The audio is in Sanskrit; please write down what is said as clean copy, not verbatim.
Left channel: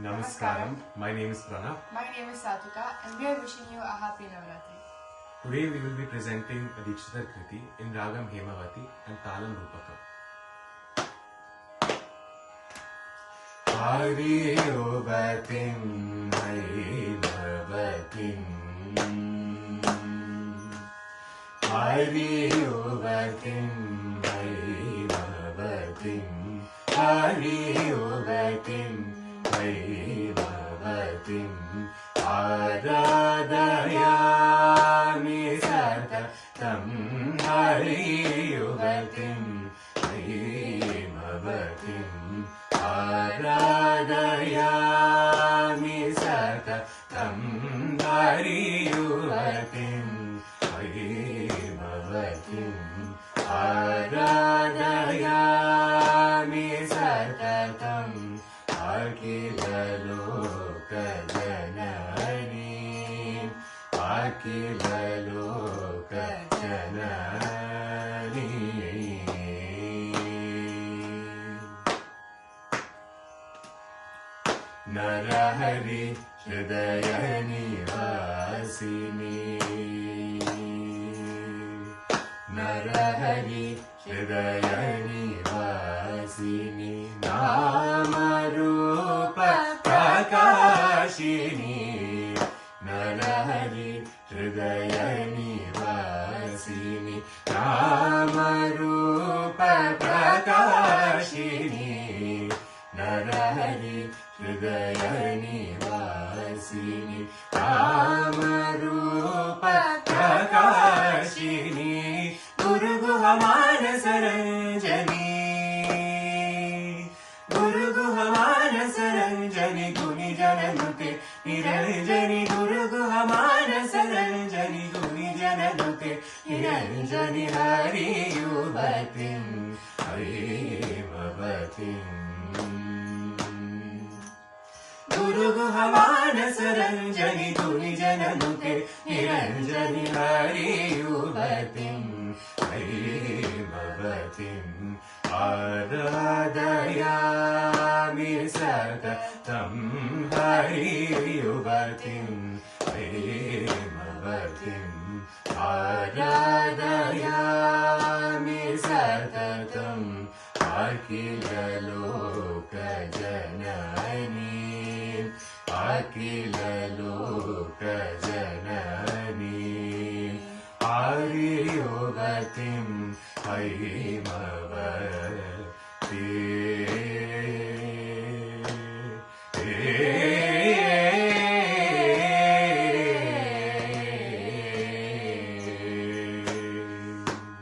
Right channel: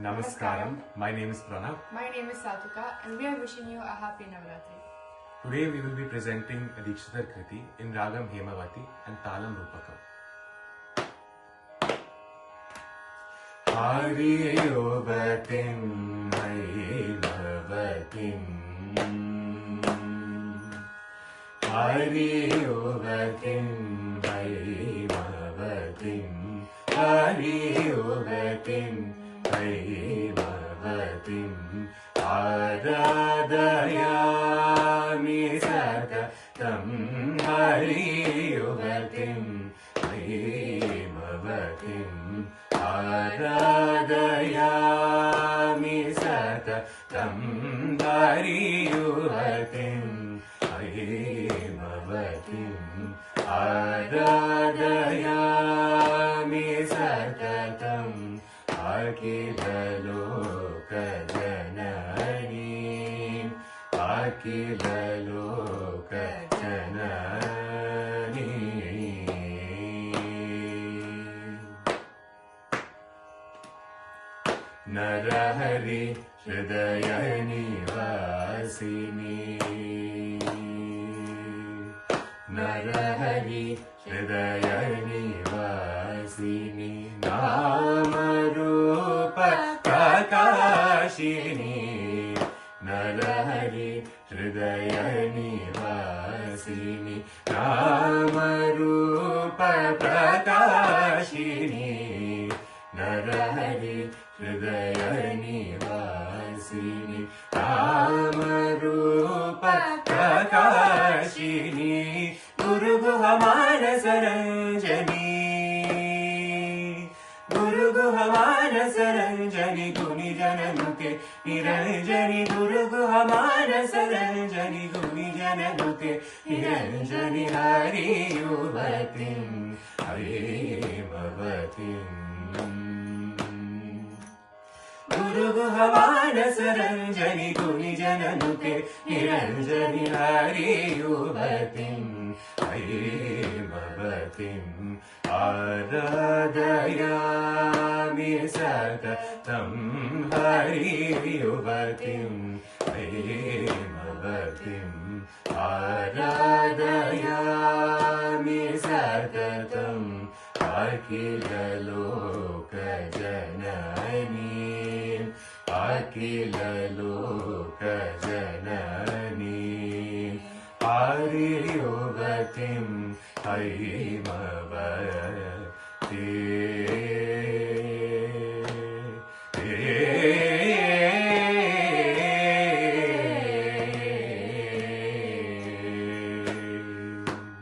Namaskaram. My name is Pranav. My name is Satika and we are wishing you a happy Navratri. Today we will be presenting a Dikshitar Kriti in Ragam Hemavati and Talam Rupakam. Hari Yogatim Hemavatim Hari Yogatim Hemavatim Hari Yogatim Hemavatim Aradayami Satatam Hari Yogatim Hemavatim Aradayami Satatam Hari Yogatim Hemavatim Aradayami Satatam Akila Loka Janani Akila Loka Janani Narahari Hridayani Vasini Narahari Hridayani Vasini Namarupa Prakashini Narahari Hridayani Vasini Namarupa Prakashini Narahari Hridayani Vasini Namarupa Prakashini Guru Guhamana Saranjani Guru Guhamana Saranjani Guni Jananuke Niranjani Guru Guhamana Saranjani Guni Jananuke Niranjani Hari Yuvatim Hemavatim Guru Guhamana Saranjani Guni Jananuke Niranjani Hari Yuvatim Hemavatim Aradayami Satatam Hari Yuvatim Hemavatim Aradayami Satatam Akila Loka Janani Akila Loka Janani Hari Yogatim Hemavatim